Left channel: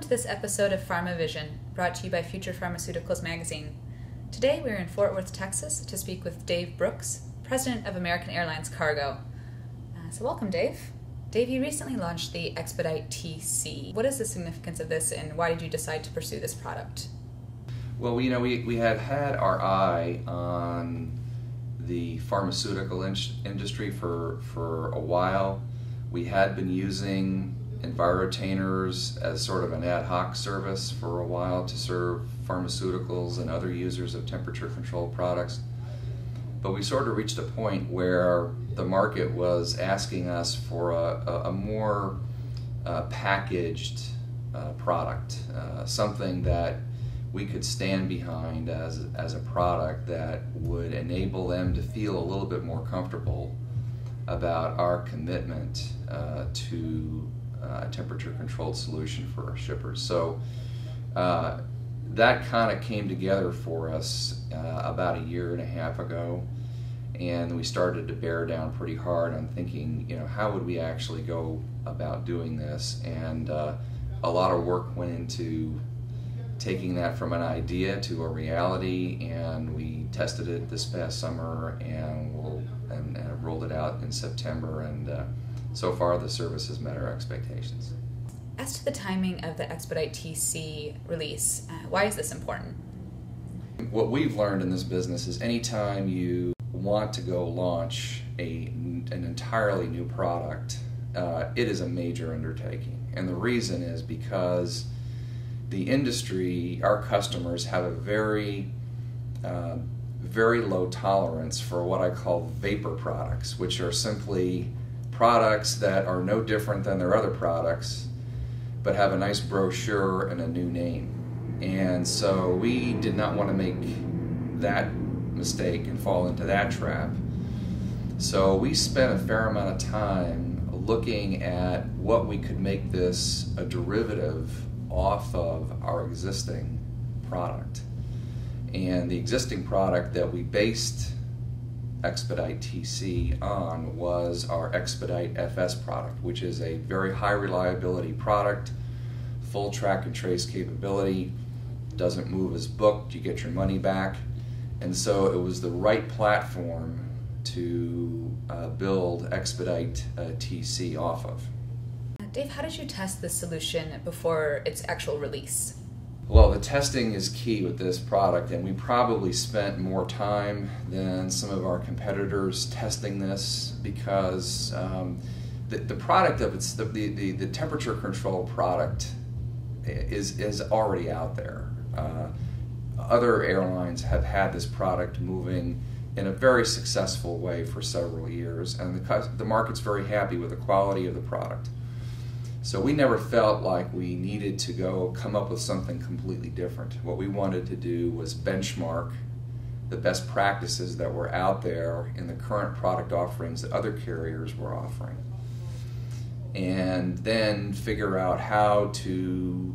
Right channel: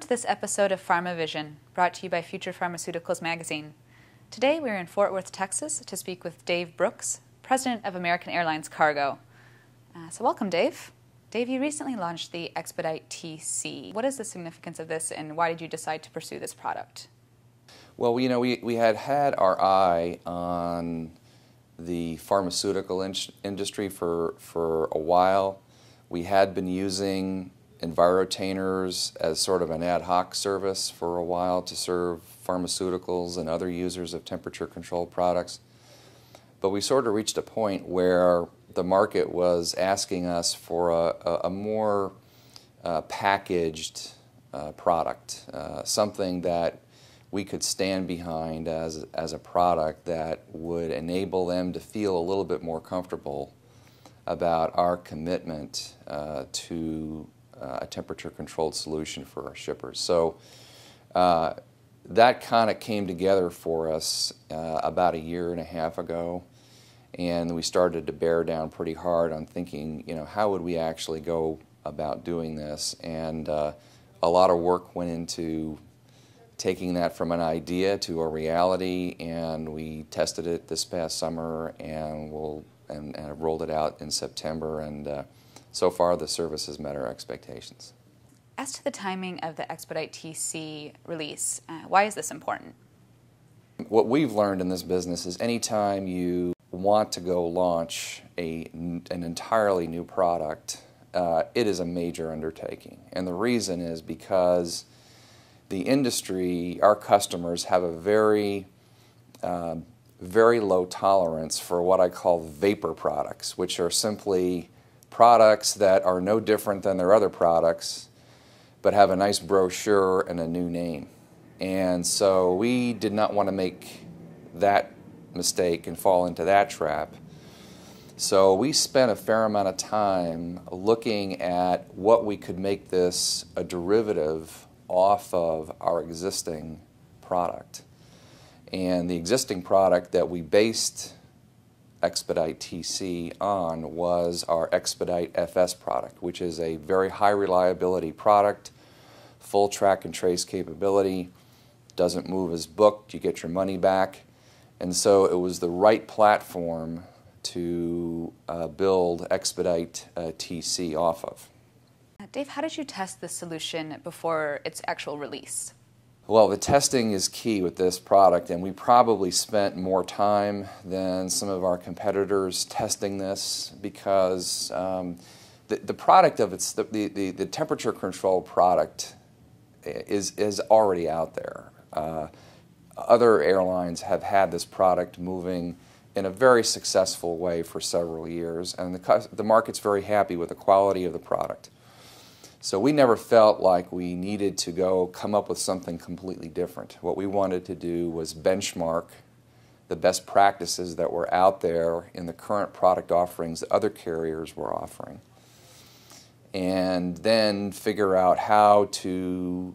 Welcome to this episode of Pharma Vision, brought to you by Future Pharmaceuticals magazine. Today we're in Fort Worth, Texas to speak with Dave Brooks, President of American Airlines Cargo. So welcome, Dave. Dave, you recently launched the Expedite TC. What is the significance of this and why did you decide to pursue this product? Well, we had our eye on the pharmaceutical industry for a while. We had been using Envirotainers as sort of an ad hoc service for a while to serve pharmaceuticals and other users of temperature-controlled products. But we sort of reached a point where the market was asking us for a more packaged product, something that we could stand behind as a product that would enable them to feel a little bit more comfortable about our commitment to a temperature-controlled solution for our shippers. So that kind of came together for us about a year and a half ago, and we started to bear down pretty hard on thinking, how would we actually go about doing this? And a lot of work went into taking that from an idea to a reality, and we tested it this past summer and rolled it out in September, and so far the service has met our expectations. As to the timing of the Expedite TC release, why is this important? What we've learned in this business is anytime you want to go launch an entirely new product, it is a major undertaking. And the reason is because the industry, our customers, have a very low tolerance for what I call vapor products, which are simply products that are no different than their other products, but have a nice brochure and a new name. And so we did not want to make that mistake and fall into that trap. So we spent a fair amount of time looking at what we could make this a derivative off of our existing product. And the existing product that we based Expedite TC on was our Expedite FS product, which is a very high reliability product, full track and trace capability, doesn't move as booked, you get your money back. And so it was the right platform to build Expedite TC off of. Dave, how did you test this solution before its actual release? Well, the testing is key with this product, and we probably spent more time than some of our competitors testing this because the product of the temperature control product is already out there. Other airlines have had this product moving in a very successful way for several years, and the market's very happy with the quality of the product. So we never felt like we needed to go come up with something completely different. What we wanted to do was benchmark the best practices that were out there in the current product offerings that other carriers were offering, and then figure out how to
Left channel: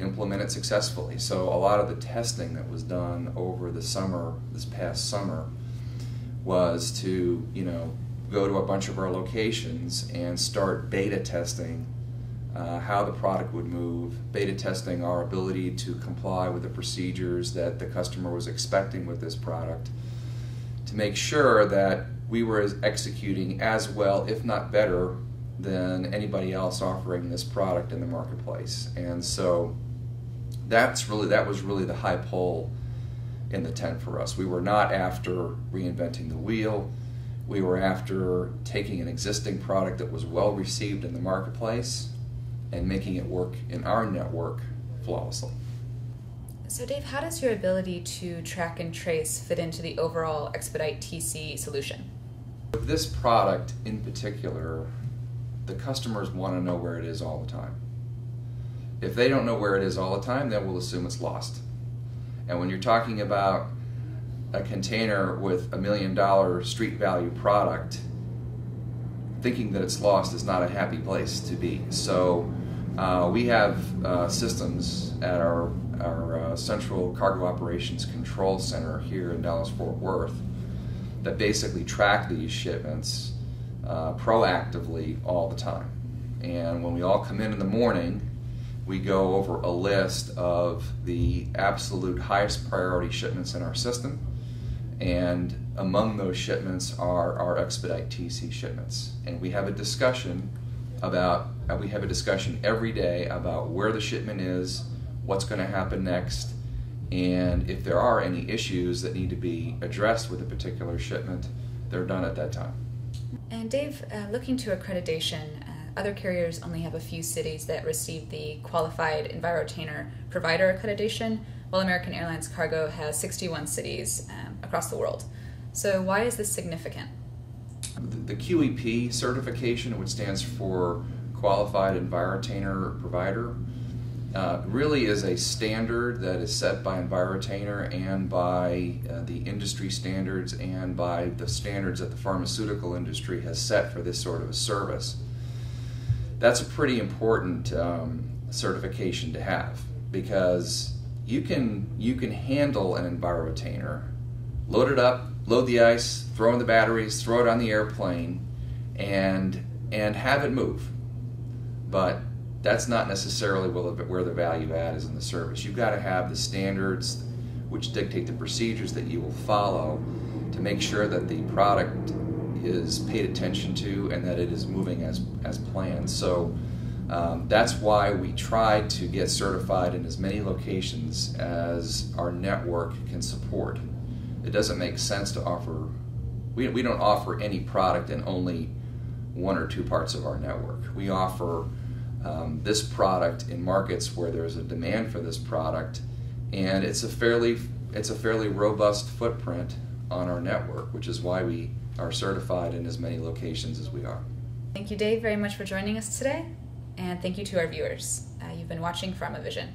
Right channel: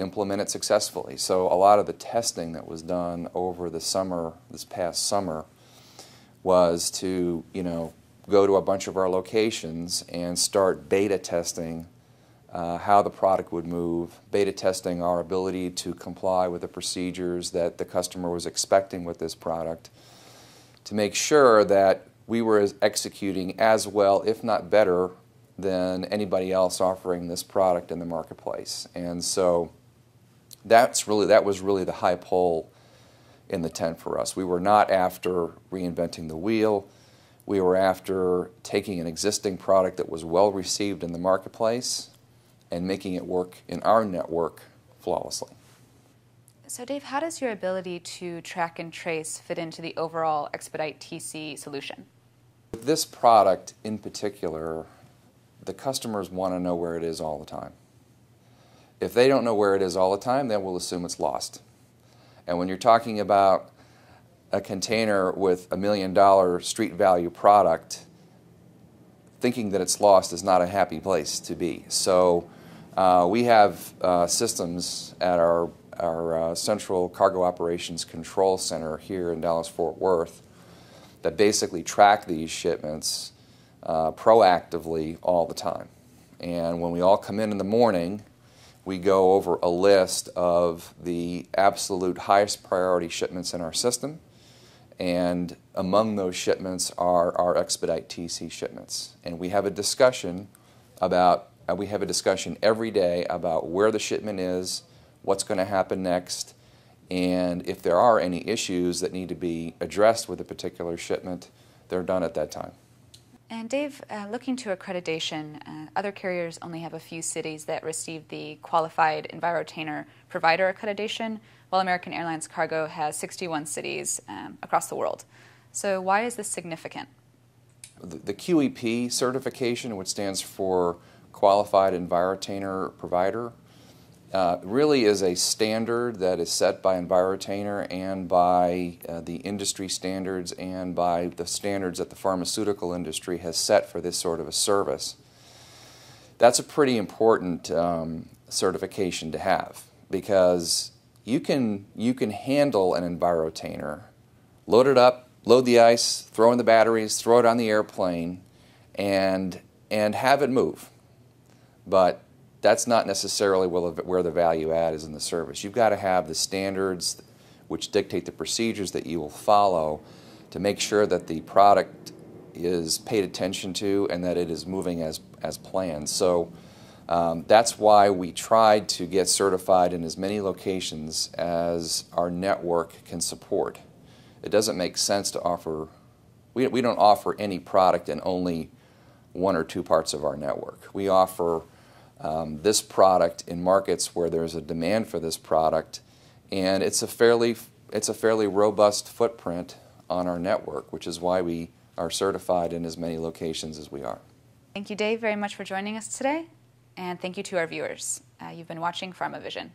implement it successfully. So a lot of the testing that was done over the summer, this past summer, was to go to a bunch of our locations and start beta testing how the product would move, beta testing our ability to comply with the procedures that the customer was expecting with this product, to make sure that we were executing as well, if not better, than anybody else offering this product in the marketplace. And so that was really the high pull in the tent for us. We were not after reinventing the wheel. We were after taking an existing product that was well received in the marketplace and making it work in our network flawlessly. So Dave, how does your ability to track and trace fit into the overall Expedite TC solution? With this product in particular, the customers want to know where it is all the time. If they don't know where it is all the time, then we'll assume it's lost. And when you're talking about a container with $1 million street value product, thinking that it's lost is not a happy place to be. So we have systems at our Central Cargo Operations Control Center here in Dallas-Fort Worth that basically track these shipments proactively all the time. And when we all come in the morning, we go over a list of the absolute highest priority shipments in our system, and among those shipments are our expedite TC shipments. And we have a discussion every day about where the shipment is, what's going to happen next, and if there are any issues that need to be addressed with a particular shipment, they're done at that time. And Dave, looking to accreditation, other carriers only have a few cities that receive the Qualified Envirotainer Provider accreditation, while American Airlines Cargo has 61 cities across the world. So why is this significant? The QEP certification, which stands for Qualified Envirotainer Provider, really is a standard that is set by Envirotainer and by the industry standards and by the standards that the pharmaceutical industry has set for this sort of a service. That's a pretty important certification to have, because you can handle an Envirotainer, load it up, load the ice, throw in the batteries, throw it on the airplane, and have it move. But that's not necessarily where the value add is in the service. You've got to have the standards which dictate the procedures that you will follow to make sure that the product is paid attention to and that it is moving as planned. So that's why we try to get certified in as many locations as our network can support. It doesn't make sense to offer, we don't offer any product in only one or two parts of our network. We offer this product in markets where there's a demand for this product, and it's a fairly robust footprint on our network, which is why we are certified in as many locations as we are. Thank you, Dave, very much for joining us today, and thank you to our viewers. You've been watching Pharma Vision.